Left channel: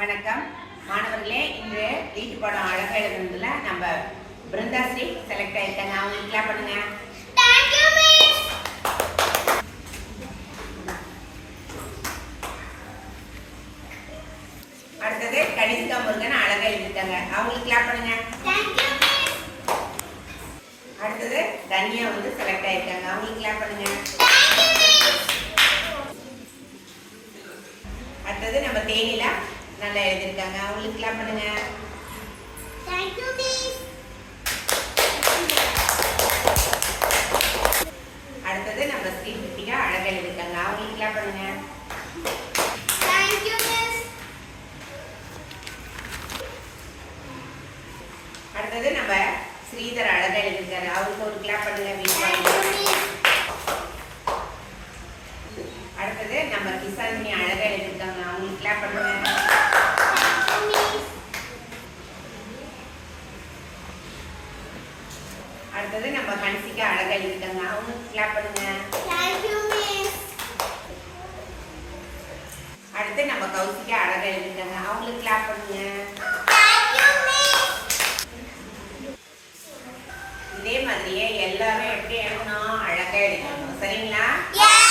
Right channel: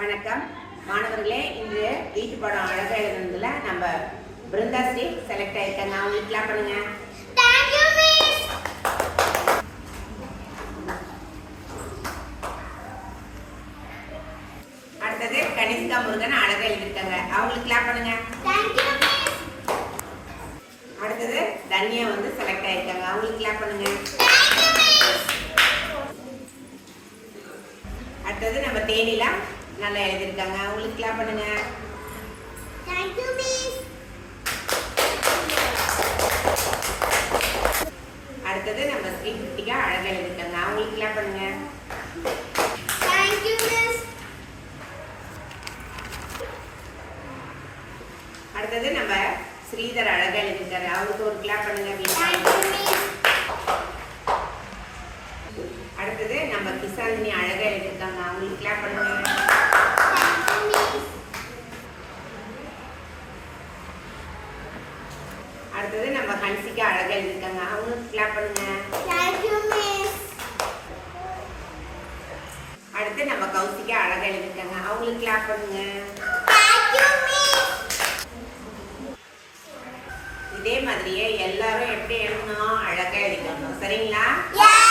வணக்கம் மாணவர்களே, இன்று வீட்டு பாடம் அழகா எழுதுனதுல நம்ம பிருந்தாஸ்ரீ செலக்ட் ஆயிருக்காங்க. அவங்களுக்கு கிளாப் பண்ணுங்க. Thank you miss. அடுத்தது கனிஷ்கா முருகன் அழகா எழுதிட்டாங்க. அவங்களுக்கு கிளாப் பண்ணுங்க. Thank you miss. அடுத்தது தன்யா செலக்ட் ஆயிருக்காங்க. அவங்களுக்கு கிளாப் பண்ணுங்க. அடுத்தது நம்ம தேனிலா நல்லா எழுதிருக்காங்க. அவங்களுக்கு கிளாப் பண்ணுங்க. Thank you miss. அடுத்தது நம்ம ஸ்ரீ கிருத்திகா அழகா எழுதிருக்காங்க. அவங்களுக்கு கிளாப் பண்ணுங்க. Thank you miss. அடுத்தது நம்ம ஸ்ரீதர் அழகா எழுதிருக்காரு. அவருக்கு ஒரு கிளாப் பண்ணுங்க. Thank you miss. அடுத்தது நம்ம கிசாந்தினி அழகா எழுதிருக்காங்க. அவங்களுக்கு கிளாப் பண்ணுங்க. அடுத்தது நம்ம ஹன்சிகா அழகா எழுதிருக்காங்க. அவங்களுக்கு கிளாப் பண்ணுங்க. Thank you miss. அடுத்து நம்ம கௌசிகா அழகா எழுதிருக்காங்க. அவங்களுக்கு கிளாப் பண்ணுங்க. Thank you miss. இதே மாதிரியே எல்லாரும் எப்படி எழுதணும், அழகா எழுதணும். சரிங்களா? Yeah.